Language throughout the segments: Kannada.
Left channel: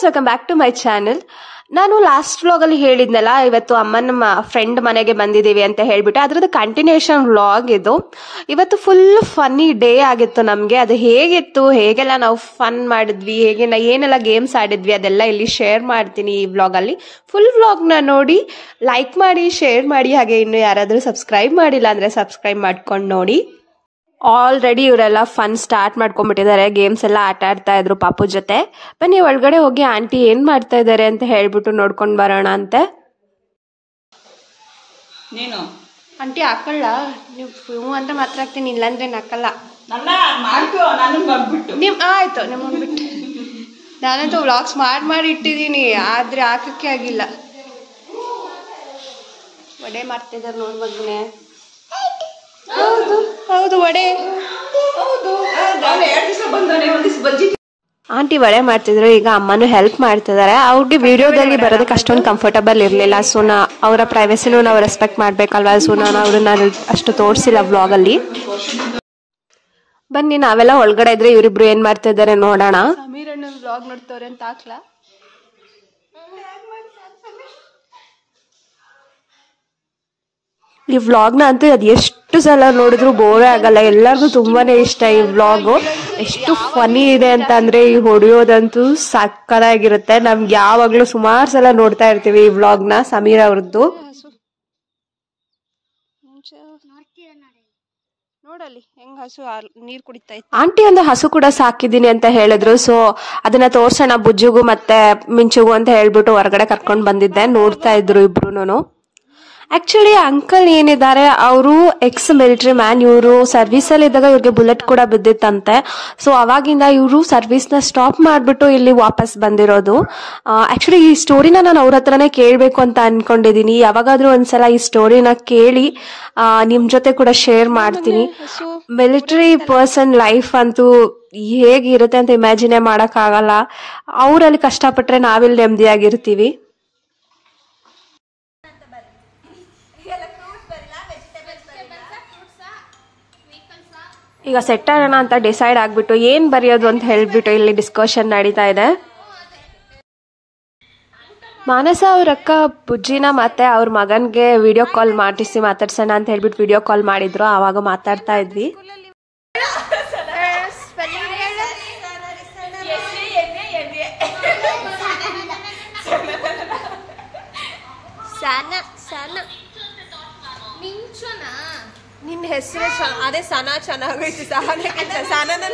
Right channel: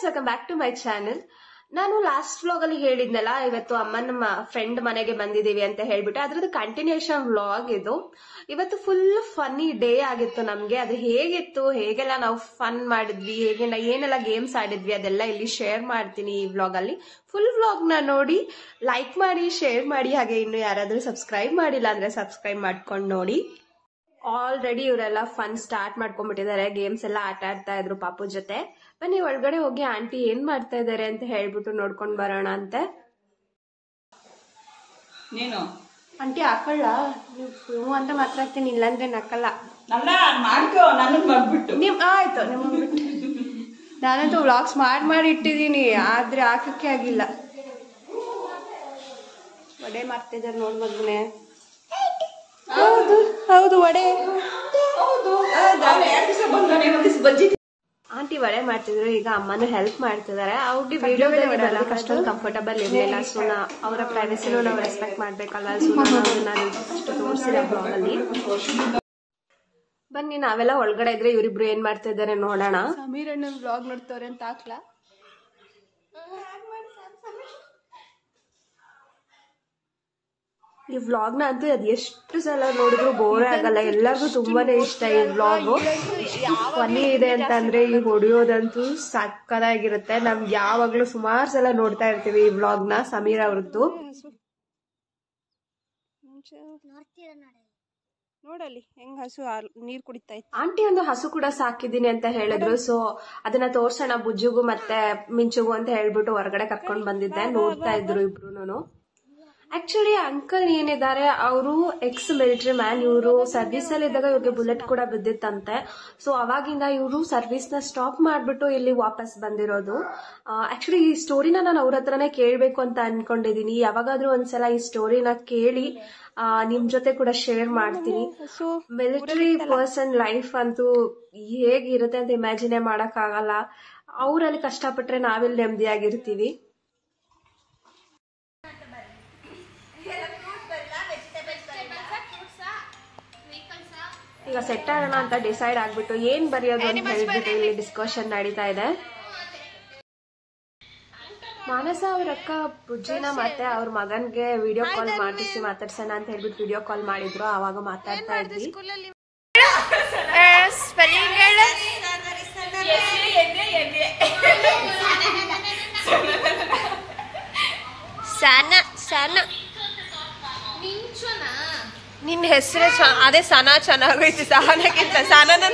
Guys, welcome back to my channel. ನಾನು ಲಾಸ್ಟ್ ವ್ಲಾಗಲ್ಲಿ ಹೇಳಿದ್ನಲ್ಲ, ಇವತ್ತು ಅಮ್ಮನ ಫ್ರೆಂಡ್ ಮನೆಗೆ ಬಂದಿದ್ದೀವಿ ಅಂತ ಹೇಳ್ಬಿಟ್ಟು, ಅದ್ರದ್ದು ಕಂಟಿನ್ಯೂಷನ್ ವ್ಲಾಗ್ ಇದು. ಇವತ್ತು ಫುಲ್ ಫನ್ನಿ ಡೇ ಆಗಿತ್ತು ನಮಗೆ. ಅದು ಹೇಗಿತ್ತು, ಹೇಗೆಲ್ಲ ನಾವು ಫನ್ ಮಾಡಿದ್ವಿ, ಏನೆಲ್ಲ ಗೇಮ್ಸ್ ಆಡಿದ್ವಿ, ಅದೆಲ್ಲ ಇಲ್ಲಿ ಶೇರ್ ಮಾಡ್ತೀನಿ ಈ ವ್ಲಾಗಲ್ಲಿ. ಫುಲ್ ವ್ಲಾಗ್ನ ನೋಡಿ, ಲೈಕ್ ಮಾಡಿ, ಶೇರ್ ಮಾಡಿ, ಹಾಗೆ ಇನ್ನು ಯಾರಾದರೂ ಸಬ್ಸ್ಕ್ರೈಬ್ ಮಾಡಿಲ್ಲ ಅಂದರೆ ಸಬ್ಸ್ಕ್ರೈಬ್ ಮಾಡ್ಕೊಂಡು ನೋಡಿ. ಆಲ್ರೆಡಿ ಇವರೆಲ್ಲ ಫನ್ ಸ್ಟಾರ್ಟ್ ಮಾಡ್ಕೊಂಡ್ಬಿಟ್ಟಿದ್ದಾರೆ. ಗೇಮ್ಸ್ ಎಲ್ಲ ಆಟ ಆಡ್ತಾ ಇದ್ರು ಪಾಪು ಜೊತೆ. ಬನ್ನಿ ಒಳಗಡೆ ಹೋಗಿ ಆಂಟಿ ಏನ್ ಮಾಡ್ತಾ ಇದ್ದಾರೆ ಅಂತ ಹೇಳ್ಬಿಟ್ಟು ನೋಡ್ಕೊಂಡು ಬರೋಣ ಅಂತೆ. ನೀನು ಆಂಟಿ ಹಾಕೊಳ್ಳ, ನೀವು ಹ್ಞೂ ಅಂದ್ರೆ ಮಾತ್ರ ಹಾಕ್ತೀನಿ, ಇಲ್ಲಾಂದ್ರೆ ಹಾಕಲ್ಲ. ನಿಮ್ ಆಯ್ತು, ನಿಮ್ಮನ್ ಬಿಟ್ಟು ನಾನಂತೂ ವ್ಲಾಗ್ಸ್ ಮಾಡಿ ಇಟ್ಟಿದ್ದೀನಿ, ಆದ್ರೆ ಹಾಕಕ್ಕೆ ಆಗಿಲ್ಲ. ವಡೆ ಮಾಡ್ತಿದ್ದಾರೆ ನೋಡ್ ಮಗನೆ. ಹೌದು ಹೌದು, ವಡೆ. ಆಂಟಿ ವಡೆ ಮಾಡ್ತಿದ್ರು, ಈಗ ಅಮ್ಮನು ಹೆಲ್ಪ್ ಮಾಡ್ತಿದ್ದಾರೆ. ಅವ್ರಿಗೆ ವಿಡಿಯೋದಲ್ಲಿ ಬರೋದಕ್ಕೆ ಅಷ್ಟೊಂದು ಕಂಫರ್ಟಬಲ್ ಇರಲಿಲ್ಲ. ಸೊ ಅವರ ಪ್ರೈವಸಿನೂ ನಾವು ರೆಸ್ಪೆಕ್ಟ್ ಮಾಡ್ಬೇಕಲ್ವಾ. ಸೊ ನಾನು ಅವ್ರನ್ನ ಅಷ್ಟು ತೋರಿಸಿಲ್ಲ ವ್ಲಾಗಲ್ಲಿ. ಬನ್ನಿ ನಾವೆಲ್ಲ ಒಳಗಡೆ ಇದ್ರೆ ಇವರಿಬ್ರು ಏನ್ ಮಾಡ್ತಾ ಇದ್ದಾರೆ ನೋಡೋಣ. ಸಮೀರ್ ಅಣ್ಣ ವ್ಲಾಗ್ ನೋಡ್ತವ್ರೆ ಅಂತ ಹಾಕ್ಲಾ? ಈ ವ್ಲಾಗ್ನ ಅಂತೂ ಅದು ಎಷ್ಟು ಸಲ ನೋಡಿದ್ರು ಬೋರೇ ಆಗಲ್ಲ. ಎಲ್ಲರಿಗೂ ತುಂಬಾನೇ ಇಷ್ಟ ಈ ವ್ಲಾಗು. ಎಷ್ಟು ಫನಿ ಇದೆ ಅಂತ ಅಂದ್ರೆ, ಈ ಹೊಡೆಯೋದಂತೂ ಸಕ್ಕತ್ತಾಗಿರುತ್ತೆ. ನಮ್ಗೆ ಯಾವಾಗ್ಲೂ ಸುಮಾರು ಸಲ ನೋಡ್ತಾ ಇರ್ತೀವಿ ಈ ವ್ಲಾಗ್ನ. ಸಮೀರ್ ಅವ್ರದ್ದು ನೋಡಲ್ಲಿ ಹೆಂಗ್ ಹಸು ನೀರ್ ಕುಡಿತಾ ಇತ್ತು. ಆಂಟಿ ಒಂದು ಹಸು ಕೂಡ ಸಾಕಿದೀನಿ ಅಂತ ಹೇಳಿದ್ರು. ಸೊ ಅದನ್ನ ತೋರ್ಸೋಣ ಬುಜ್ಜುಗೂ ಮತ್ತೆ ಮಿಂಚುಗೂ ಅಂತ ಹೇಳ್ಬಿಟ್ಟು ಹೊರಗಡೆ ಕರ್ಕೊಂಡ್ ಬಂದಿದ್ದೆ. ನೋಡ್ತಾ ಇದ್ರು ಇಬ್ರುನು. ಆಕ್ಚುಲಿ ಅಂಕಲ್ ಏನಿದ್ದಾರೆ ಅವರು ಎಕ್ಸ್ ಮಿಲಿಟರಿ ಮ್ಯಾನ್. ಇವರು ಸರ್ವಿಸ್ ಅಲ್ಲಿ ಇದ್ದಾಗ ಇವ್ರಿಗೆ ಬುಲೆಟ್ ಕೂಡ ಬಿದ್ದಿತ್ತಂತೆ. ಸೊ ಅವಾಗಿಂದ ಇವರು ಸರ್ವಿಸ್ ನ ಸ್ಟಾಪ್ ಮಾಡ್ಬಿಟ್ಟು ಇಲ್ಲಿ ವಾಪಸ್ ಬಂದಿರೋದು. ಆಕ್ಚುಲಿ ಈ ಸ್ಟೋರಿನ ನಾನು ಅವ್ರ ಹತ್ರನೇ ಕೇಳ್ಬೇಕು ಅಂತ ಅನ್ಕೊಂಡಿದೀನಿ. ಯಾವಾಗಾದ್ರೂ ಒಂದ್ಸಲ ಈ ಸ್ಟೋರಿನ ಕೇಳಿ ನಿಮ್ ಜೊತೆ ಕೂಡ ಶೇರ್ ಮಾಡ್ತೀನಿ. ಮಿಲಿಟರಿ ಪರ್ಸನ್ ಲೈಫ್ ಅಂತೂ ಹೇಗಿರುತ್ತೆ ಅಂತ ಇಮ್ಯಾಜಿನೇ ಮಾಡಕ್ ಆಗಲ್ಲ. ಅವ್ರಲ್ಲಿ ಕಷ್ಟಪಟ್ರೆ ನಾವಿಲ್ಲಿ ನೆಮ್ಮದಿಯಾಗಿರ್ತೀವಿ. ಈಗ ಸೆಟ್ ಆಗೋಣ ಅಂತ ಡಿಸೈಡ್ ಆಗ್ಬಿಟ್ಟು ಏನ್ ಬರೆಯೋದು ಅಂತ ಹೇಳ್ಬಿಟ್ಟು ಇಲ್ಲಿ ಡಿಸ್ಕಷನ್ ನಡೀತಾ ಇದೆ. ಮಾನಸ ಅವ್ರ ಅಕ್ಕ ಬುಜ್ಜಿನ ಮತ್ತೆ ಅವ್ರ ಮಗನ್ಗೆ ವಿಡಿಯೋ ಕಾಲ್ ಮಾಡಿಸಿ ಮಾತಾಡ್ಸೋಣ ಅಂತ ಹೇಳ್ಬಿಟ್ಟು ವಿಡಿಯೋ ಕಾಲ್ ಮಾಡಿದ್ರು. ಆವಾಗ ಮಾತಾಡ್ತಾ ಇದ್ವಿ. ನಿನ್ನ ಹೆಸರೇ ಅದೇ ಸನಾ ಚೆನ್ನಾಗೈತಿ. ಸಹನಕ್ಕಿಂತ ಸನನ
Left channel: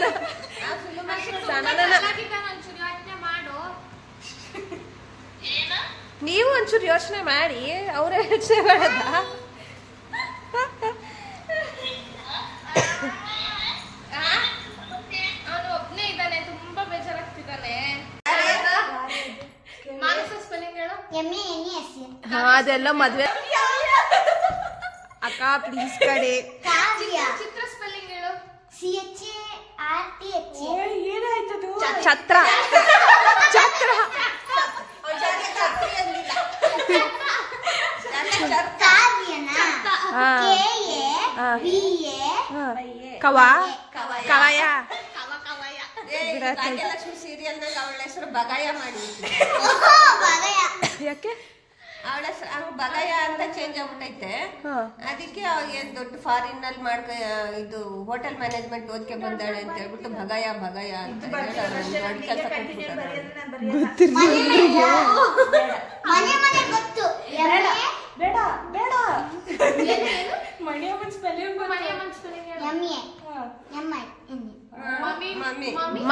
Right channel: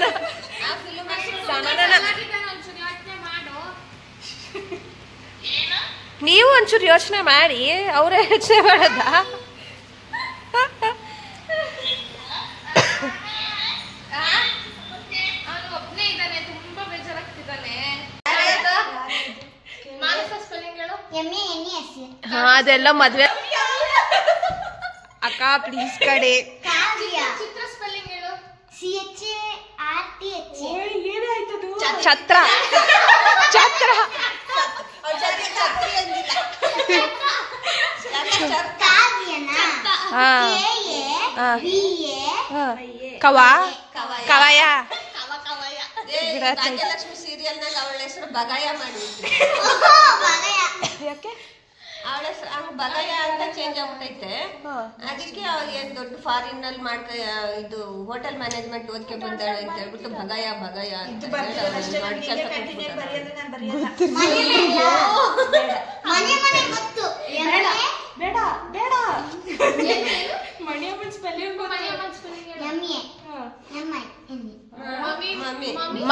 ನೀವು ಒಂಚೂರು ಯೋಚನೆ ಮಾಡಿ, ಅವರೇ ಯೋಚನೆ ಮಾಡದ. ಹಾ ಅದೆಲ್ಲ ಮದ್ವೆ ಅಕ್ಕ ಪ್ಲೀಸ್ ಕಡೆ. ಛತ್ರ ಛತ್ರ ಕವ ಕವಯ ಲಕ್ಷ್ಮಿ ಸೀರಿಯಲ್ ಅವಳ ಹೆಸರು ಬಗಾಯ ಮಾಡಿ. ಯಾಕೆ ಅವಳ ಹೆಸರು ಬಗಾಯ ಅಂತ ಚೇಂಜ್ ಆಗ್ಬಿಟ್ಟೈತೆ. ಅದಕ್ಕೆ ಏನ್ ದೊಡ್ಡ ಫಾರಿನ್ ನಲ್ಲಿ ಇದು ಹೋಟೆಲ್ ಮ್ಯಾನೇಜ್ಮೆಂಟ್ ಓದ್ಕೆ ಬಂದಾಳೆ ಅಂತ ಹೇಳ್ಬಿಟ್ಟು ಬಗಾಯ ಬಗಾಯ ಅಂತ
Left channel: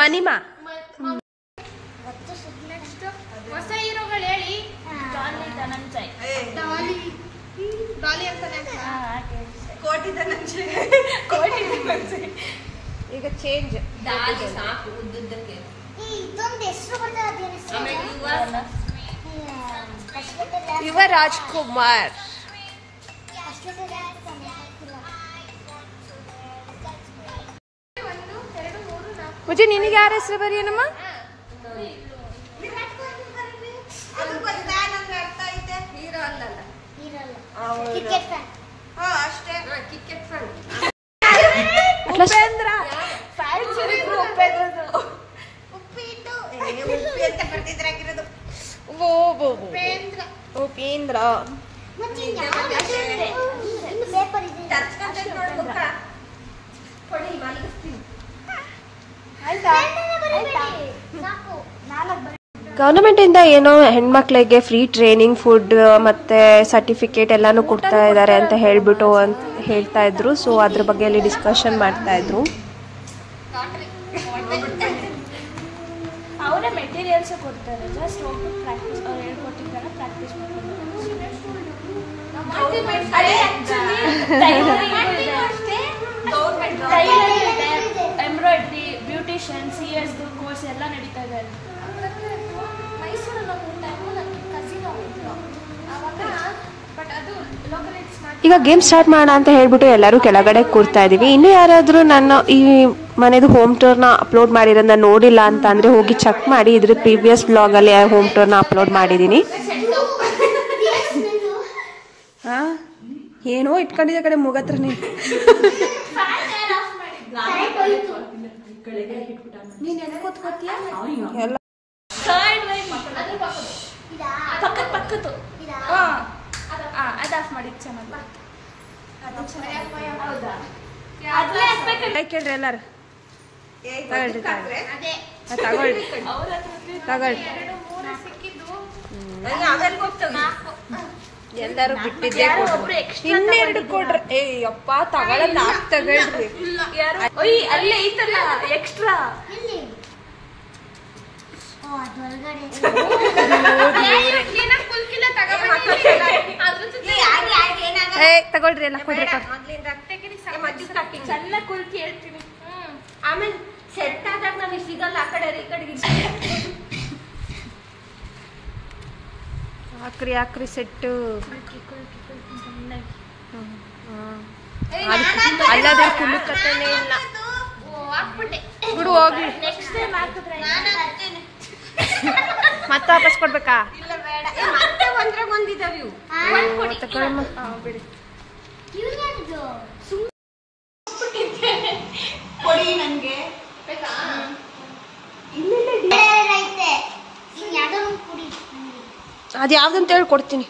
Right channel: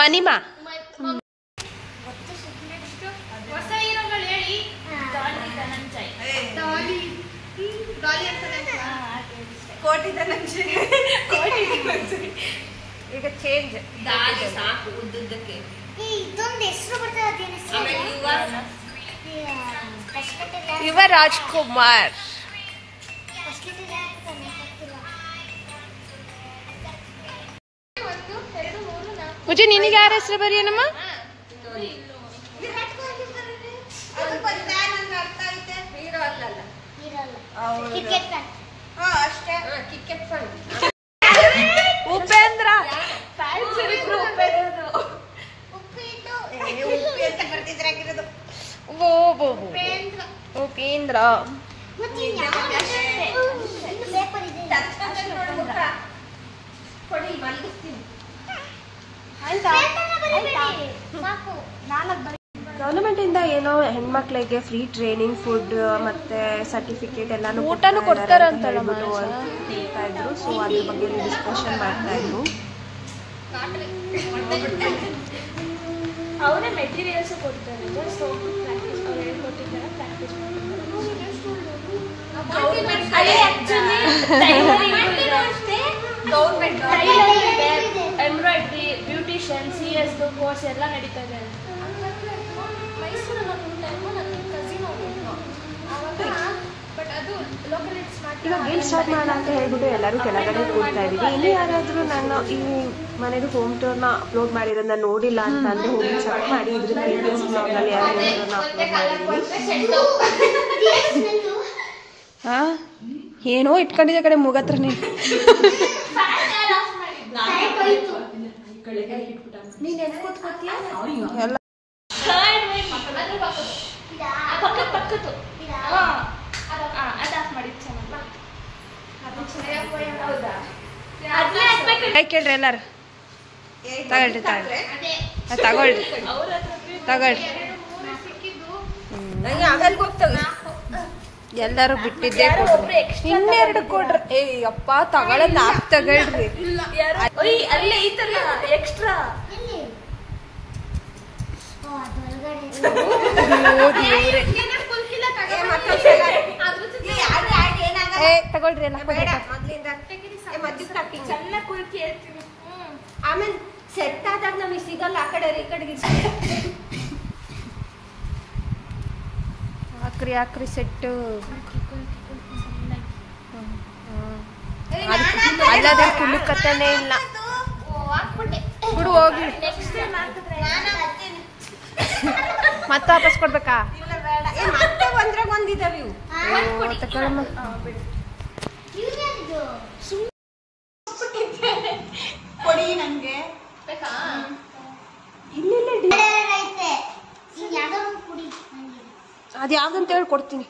ಮನಿಮಾ. ಹೊಸ ಹೀರೋಗಳು ಹೇಳಿ. ಡಾಲಿ ಅಂತಾನೆ. ಈಗ ಚೇಂಜ್ ಸಾಕು ಉದ್ದಕ್ಕೆ. ಯುವ ರಾಜ್ಕುಮಾರ್. ಮುಜೆ ನಿನಗೆ ಯಾರ ಹೆಸರು ಬರೆಯನಮ್ಮ? ಉಪೇಂದ್ರ. ಇದ್ರಾಗಿರೋದು. ಉಪೇಂದ್ರ ಗವರ್ನಮೆಂಟ್ ಇಂದ ಏನೋ ಹೆಣ್ಮಕ್ಳಿಗೆ ಫ್ರೀ ಟ್ರೈನಿಂಗ್, ಫುಡ್ ಮತ್ತೆ ಸರ್ಟಿಫಿಕೇಟ್ ಎಲ್ಲಾನು ಕೊಡ್ತಾ ಇದ್ದಾರೆ ಅಂತ ಹೇಳ್ಬಿಟ್ಟು ಹೇಳ್ತಾ ಇದ್ರು. ಸೊ ಅದ್ರ ಬಗ್ಗೆ ಅಲ್ಲಿ ಡಿಸ್ಕಷನ್ ಮಾಡ್ತಾ ಇದ್ರು. ಅವರೇ ಮೆಟೀರಿಯಲ್ಸ್ ಕೊಡ್ತಾರೆ, ಜಸ್ಟ್ ಹೋಗಿ ಪ್ರಾಕ್ಟೀಸ್ ಅವ್ರು ಹೇಳ್ಕೊಟ್ಟಿದ್ದಾರೆ, practice embroidery, beautician, CS course ಎಲ್ಲ ನಡೀತಾ ಇದೆ. ಈಗ ಗೇಮ್ ಸ್ಟಾರ್ಟ್ ಮಾಡೋಣ ಅಂತ ಹೇಳ್ಬಿಟ್ಟು ಎಲ್ಲರೂ ಕೆಳಗಡೆ ಕೂರ್ತಾ ಇದೀವಿ. ಇನ್ನು ಯಾರಾದ್ರೂ ನನ್ನ ಈ ಮನೆದು ಹೋಮ್ ಟೂರ್ನ ಅಪ್ಲೋಡ್ ಮಾಡಿರೋದನ್ನ ನೋಡಿಲ್ಲ ಅಂತ ಅಂದ್ರೆ ಹೋಗಿ ಚೆಕ್ ಮಾಡಿ. ಇದ್ರ ಪ್ರೀವಿಯಸ್ ಬ್ಲಾಗ್ ಅಲ್ಲಿ ಹೋಮ್ ಟೂರ್ನ ಅಪ್ಲೋಡ್ ಮಾಡಿದೀನಿ. ಹಾ ಏನೋ ಇಟ್ಕೊಂಡಿದ್ದ ಕಡೆ ಮುಗತ್ರ ನೀನು ಎಲ್ಲ ಕೇಳ್ರಿ ಎಲ್ಲಾರು ತಗೊಳ್ರಿ ಎಲ್ಲರೂ ಬಿಟ್ಟಿದ್ದೇ ಕೊಡ್ರಿ, ಇನ್ನೆರಡು ಕೊಡ್ರಿ. ಅಪ್ಪ ತಗೊಳ್ಳೋದ್ 4 ತಗೊಳ್ರಿ. ತಗೊಳ್ರಿ ಎಲ್ಲ ಕೊಡ್ರಿ. ಆಮೇಲೆ ಸೆಟ್ ಆದಾಗ ನಮಗೆ ಸಿಗಲ್ಲ. ಆ ಕಡೆ ಈ ಕಡೆಗೆ ಹಾಕ್ರಿ ಸೆಟ್ಟು. ಅಲ್ಲದೆ ಕುಲುಕತ್ತನೇ ಇಲ್ಲ ಬಿಡು, ಹೋಗ್ಲಿ. ಮತ್ತೆ ವಾಪಸ್ ಕೊಡ್ಬೇಕಾ? ತಗೊಳಮ್ಮ. ಕೊಡಿ ನನಗೆ. ಅದು ಯಾವ್ದಂತ ಹೇಳಿ ಕೊಡ್ತೀನಿ.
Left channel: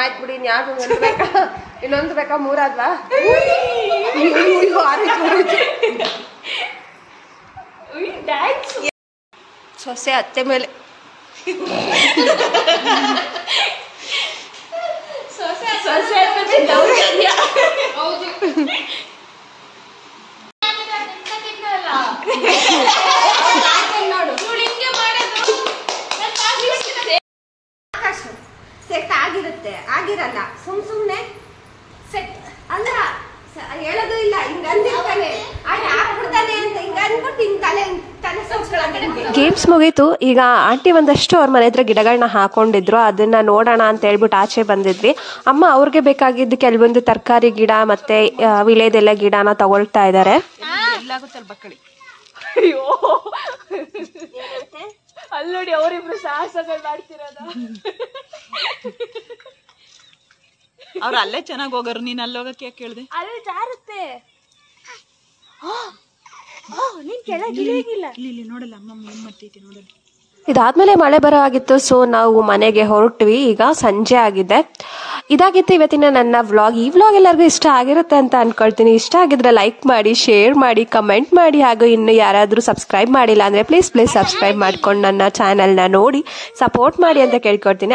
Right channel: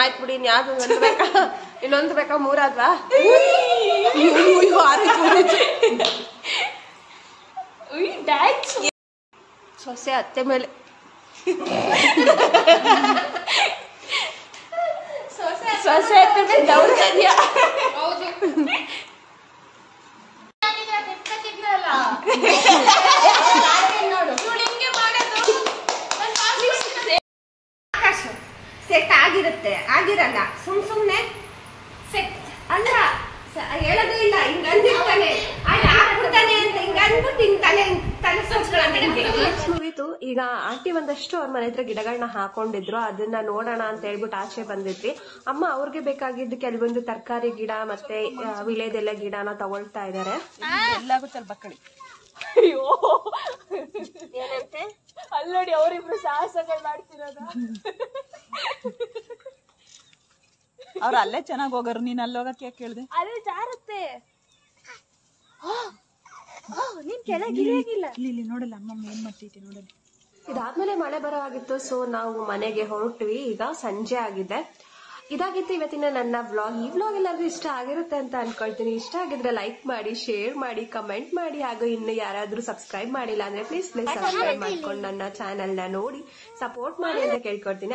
ಆಯ್ತು ಬಿಡಿ. ಯಾವ್ದು ಒಂದು ಬೇಕಾ? ಇನ್ನೊಂದು ಬೇಕಾ? 3 ಆದ್ವಾ? ಸೊಸೆ ಅತ್ತೆ ಮೇಲೆ ಸೆಟ್ ಆಗಿರುತ್ತೆ, ಆಗಿರಲ್ಲ. ಸುಮ್ನೆ ಸೆಟ್ ಅಲ್ಲ, ಹೇಳೋದು ಇಲ್ಲ. ಹಿಂಗ ಅಂದಿರ್ತಾನೆ ಹಾಕ್ಬಿಡ್ತಾನೆ ಅಂತ ಹಿಂಗ ಅಂದ್ಬಿಟ್ಟು ಹಿಂಗ್ ತಲೆ ಗೇಮ್ಸ್ ಮುಗೀತು. ಈಗ ಆಂಟಿ ಒಂದಷ್ಟು ಅವ್ರ ಮನೆ ಹತ್ರ ಗಿಡಗಳನ್ನ ಹಾಕೊಂಡಿದ್ರು. ಅದನ್ನ ನೋಡೋಣ ಅಂತ ಹೇಳ್ಬಿಟ್ಟು ಆಚೆ ಬಂದಿದ್ವಿ. ಅಮ್ಮ ಅವ್ರಿಗೆ ಬೇಕಾಗಿದ್ದು ಕೆಲವೊಂದು ತರಕಾರಿ ಗಿಡ ಮತ್ತೆ ವಿಳೆದೆಲೆ ಗಿಡನ ತಗೊಳ್ತಾ ಇದ್ದಾರೆ. ಅಲ್ಲಿ ನೋಡಿ ಅವರಿಬ್ರು ಸಾಹಸಗಳು ಮಾಡ್ತಿರೋದು. ಅವ್ರು ಅಲ್ಲೇ ಚೆನ್ನಾಗಿ ಹೋಗೋರು, ನೀನ್ ಅಲ್ಲಿ ಹೋಗಕ್ಕೆ ಯಾಕೆ ಕೇಳಿದೆ? ಅಲ್ಲಿ ಜಾರುತ್ತೆ. ನೀನ್ ಕೆಳಗಿಲ್ಲ ಇಲ್ಲಿ ನೋಡಲ್ಲ ಅಮ್ಮ ಏನ್ ಮಾಡ್ತೈತಿ ನೋಡಲ್ಲ. ಇದಾದ್ಮೇಲೆ ಮಳೆ ಬರೋ ಆಗಿತ್ತು. ಸೊ ನಾವು ಮನೆಗೆ ಹೊರಟ್ವಿ. ಈಗ ಸಂಜೆ ಆಗಿದೆ. ಇದಾಗಿತ್ತು ಇವತ್ತಿನ ನನ್ನ ವ್ಲಾಗ್. ಈ ವ್ಲಾಗ್ ಎಲ್ಲರಿಗೂ ಇಷ್ಟ ಆಗಿರುತ್ತೆ ಅಂತ ಅನ್ಕೊಳ್ತೀನಿ. ಇಷ್ಟ ಆಗಿದ್ರೆ ಲೈಕ್ ಮಾಡಿ, ಶೇರ್ ಮಾಡಿ, ಕಮೆಂಟ್ ಮಾಡಿ. ಹಾಗೂ ಇನ್ನು ಯಾರಾದರೂ ಸಬ್ಸ್ಕ್ರೈಬ್ ಮಾಡಿಲ್ಲ ಅಂದ್ರೆ ಪ್ಲೀಸ್ ಸಬ್ಸ್ಕ್ರೈಬ್ ಮಾಡ್ಕೊಂಡು ನನ್ನ ಚಾನೆಲ್ನ ನೋಡಿ ಸಪೋರ್ಟ್ ಮಾಡಿ ಅಂತ ಕೇಳ್ಕೊಳ್ತೀನಿ.